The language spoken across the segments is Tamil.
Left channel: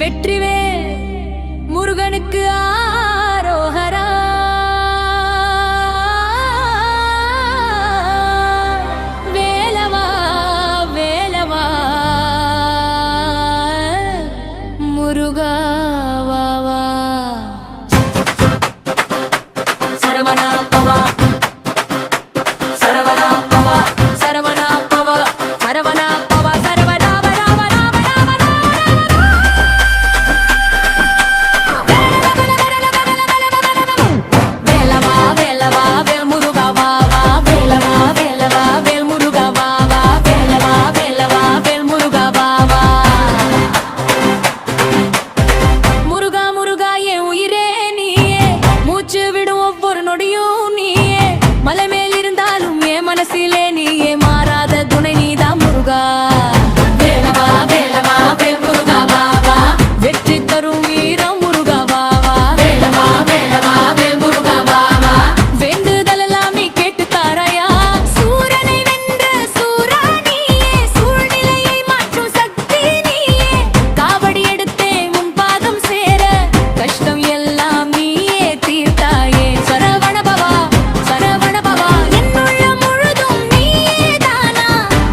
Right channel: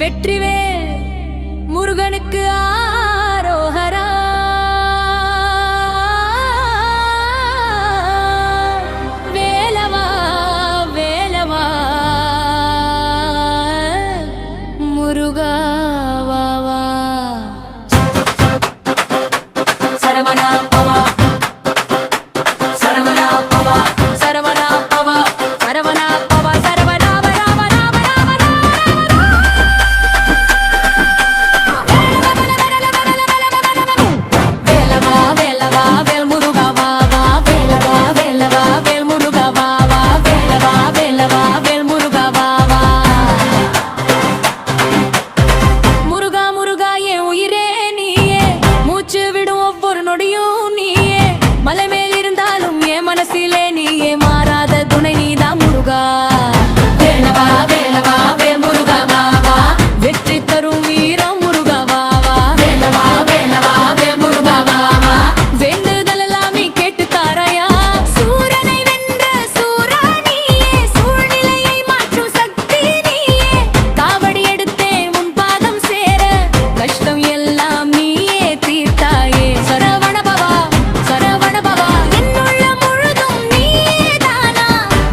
வெற்றிவேல் முருகனுக்கு ஆரோகரா. வேலவா வேலவா முருகா வா வா. சரவணா பவா சரவணா பவா சரவணா பவா சரவணா பவா சரவணா. மலை மேல் இருந்தாலும் என் மனசிலே நீயே மாறாத துணை நீதான் முருகா. வேலவா வேலவா வேல் முருகா வா வா. வெற்றி தரும் வீரம் முருகா வா வா. வேலவா வேலவா வேல் முருகா வா வா. வேண்டுதல் எல்லாம் நீ கேட்டு தாரையா. சூரனை வென்ற சூரா நீயே, சூழ்நிலையை மாற்றும் சக்தி நீயே. காவடி எடுத்தே உன் பாதம் சேர, கஷ்டம் எல்லாம் நீயே தீர்த்தாயே. சரவண பவா சரவண பவா என்னுள்ள முழுதும் நீயேதானா.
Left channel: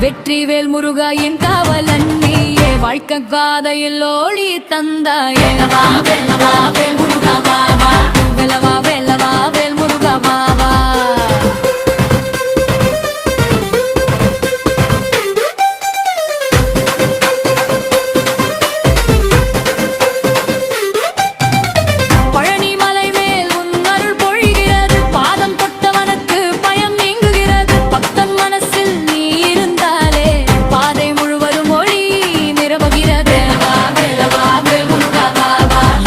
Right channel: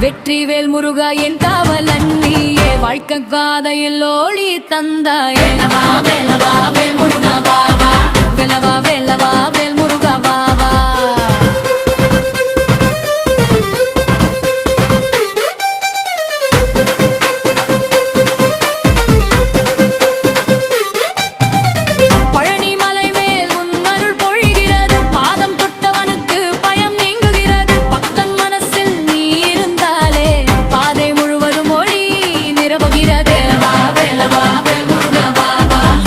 வெற்றிவேல் முருகா என் காவலன் நீயே, வாழ்க்கை காதையில் ஓடி தந்தாயே. வேலவா வேலவா வேல் முருகா வா வா. வேலவா வேலவா வேல் முருகா வா வா.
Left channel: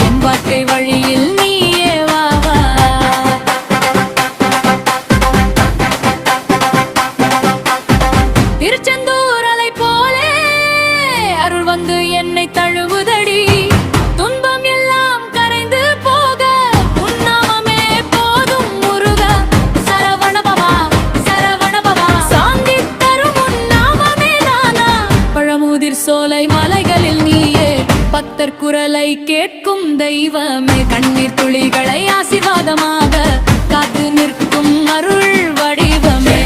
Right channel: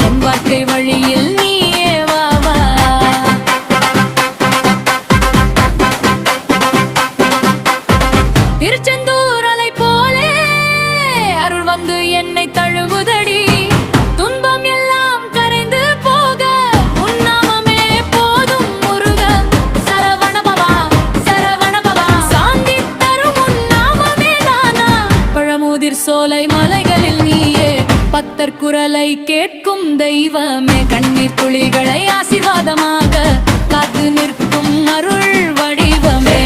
என் வாழ்க்கை வழியில் நீயே வா வா. திருச்செந்தூர் அலை போலே அருள் வந்து என்னை தழுவுதடி. துன்பம் எல்லாம் கரைந்து போக உன்னாமமே போதும் முருகா. சரவண பவா சரவண பவா. சாந்தி தரும் உன்னாமமே தானா. பழமுதிர் சோலை மலைகளில் நீயே, பக்தர் குரலை கேட்கும் தெய்வமே. கண்ணீர் துளிகளை ஆசீர்வாதமாக காத்து நிற்கும் அருள் வடிவமே.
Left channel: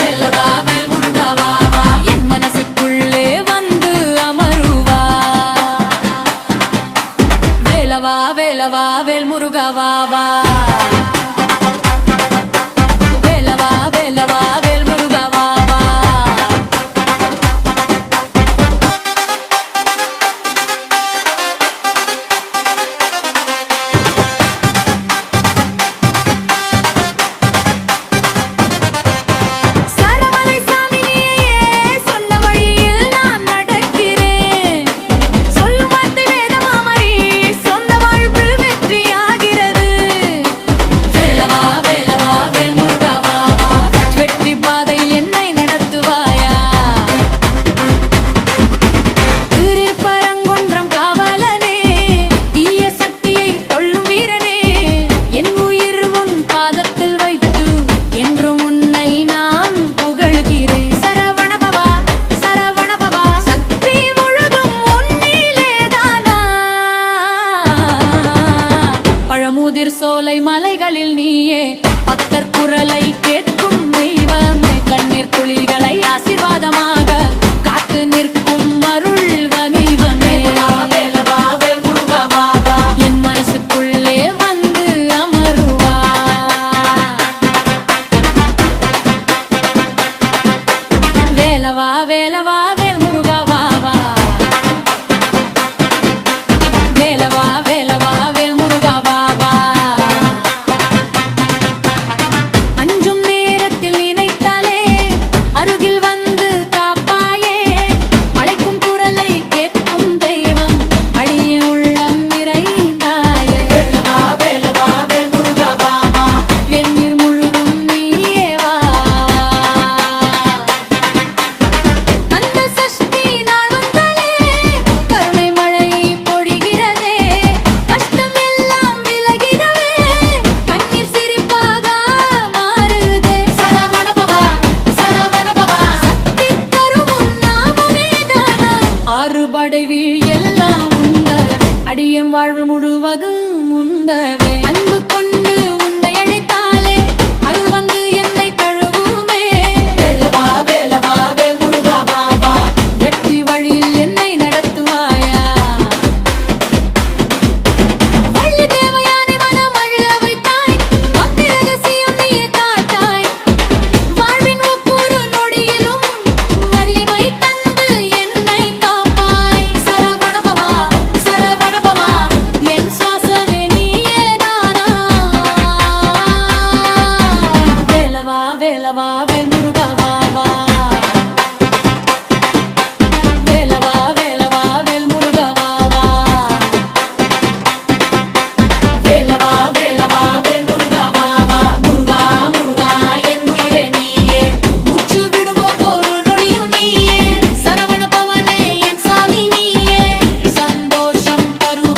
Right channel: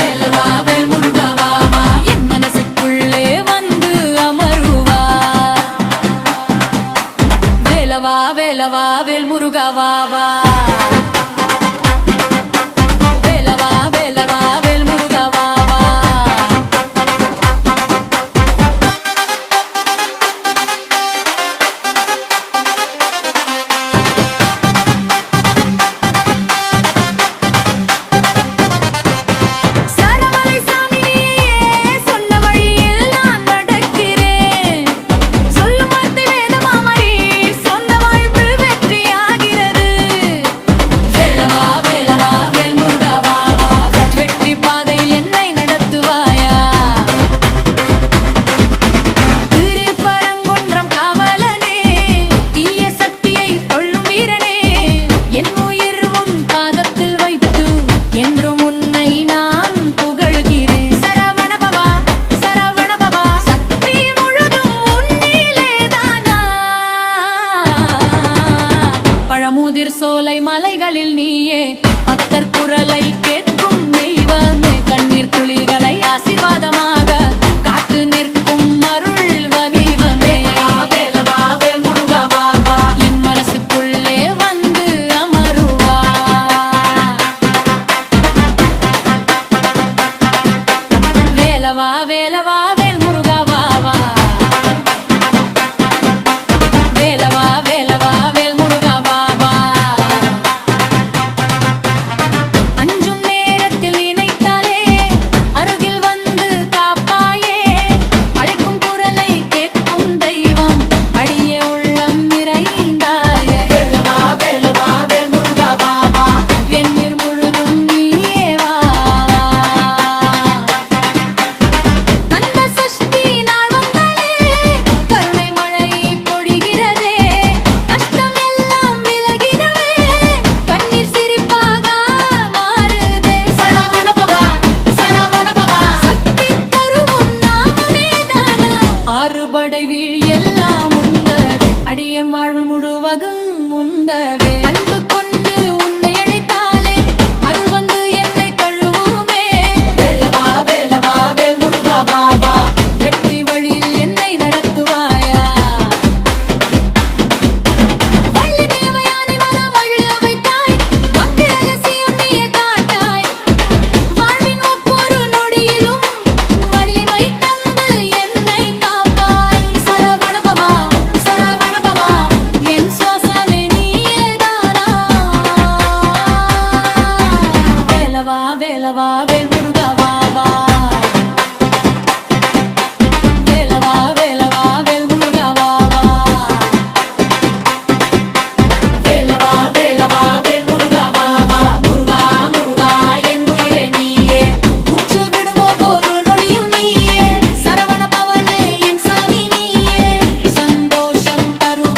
வேலவா வேல் முருகா வா வா. என் மனசுக்குள்ளே வந்து அமருவா. வேலவா வேலவா வேல் முருகா வா வா. வேலவா வேலவா வேல் முருகா வா வா. பாதையில் என்னை நடத்துவாயா. திருப்பரங்குன்றம் காவலனே, தீய சக்தியை கொள்ளும் வீரனே. என் உயிர் உன் பாதத்தில் வைத்து என்றும் உன்னை நான் புகழ்கிறேன். சரவண பவா சரவண பவா. சக்தி முழுதும் உன்னிலேதானா. பழமுதிர் சோலை மலைகளில் நீயே, பக்தர் குரலை கேட்கும் தெய்வமே. கண்ணீர் துளிகளை ஆசீர்வாதமாக காத்து நிற்கும் அருள் வடிவமே. என் மனசுக்குள்ளே வந்து அமருவா. வேலவா வேலவா வேல் முருகா வா வா. வேலவா வேலவா வேல் முருகா வா வா. அஞ்சும் நேரத்தில் நினைத்தாலே அருகில் வந்து காப்பாயே. அழைக்கும் குரலை கேட்கும் தெய்வம், அடியே உள்ளம் நிறைந்தாயே. எண்ணீர் முழுதும் நீயே வா வா. அந்த சஷ்டி நாள் வந்தாலே கருணை மழை பொழிகிறதே. கஷ்டம் எல்லாம் விலகிடவே கண்ணீர் சிரிப்பாக மாறுதே. சரவண பவா சரவண பவா. சக்தி தரும் உன்னாமமே தானா. ஆறுபடை வீழ் எல்லாம் உந்த என் வாழ்வு முழுவதும் உண்டவே அன்பு கொண்டு உன்னை அழைத்தாலே அருள் வந்து என்னை தழுவுமே வேலவா வேலவா வேல் முருகா வா வா வெற்றி வழியில் என்னை நடத்துவாயா வள்ளி தேவயானை மனம் மகிழ வைத்தாய் பக்தி ரகசியம் நீயே காட்டாய் வாழ்வின் ஒவ்வொரு நொடியிலும் வலிமை தந்து என்னை காப்பாய் சரவணபவா சரவணபவா என் சுவாசமே நீயேதானா வேலவா வேலவா வேல் முருகா வா வா வேலவா வேலவா வேல் முருகா வா வா வேலவா வேலவா வேல் முருகா வா வா முருகா முருகா என் உயிரே நீயே முற்று விடுமோ ஒரு நொடியும் நீயே சரவண பவனே என் சாமி நீயே சந்தோஷம் தரு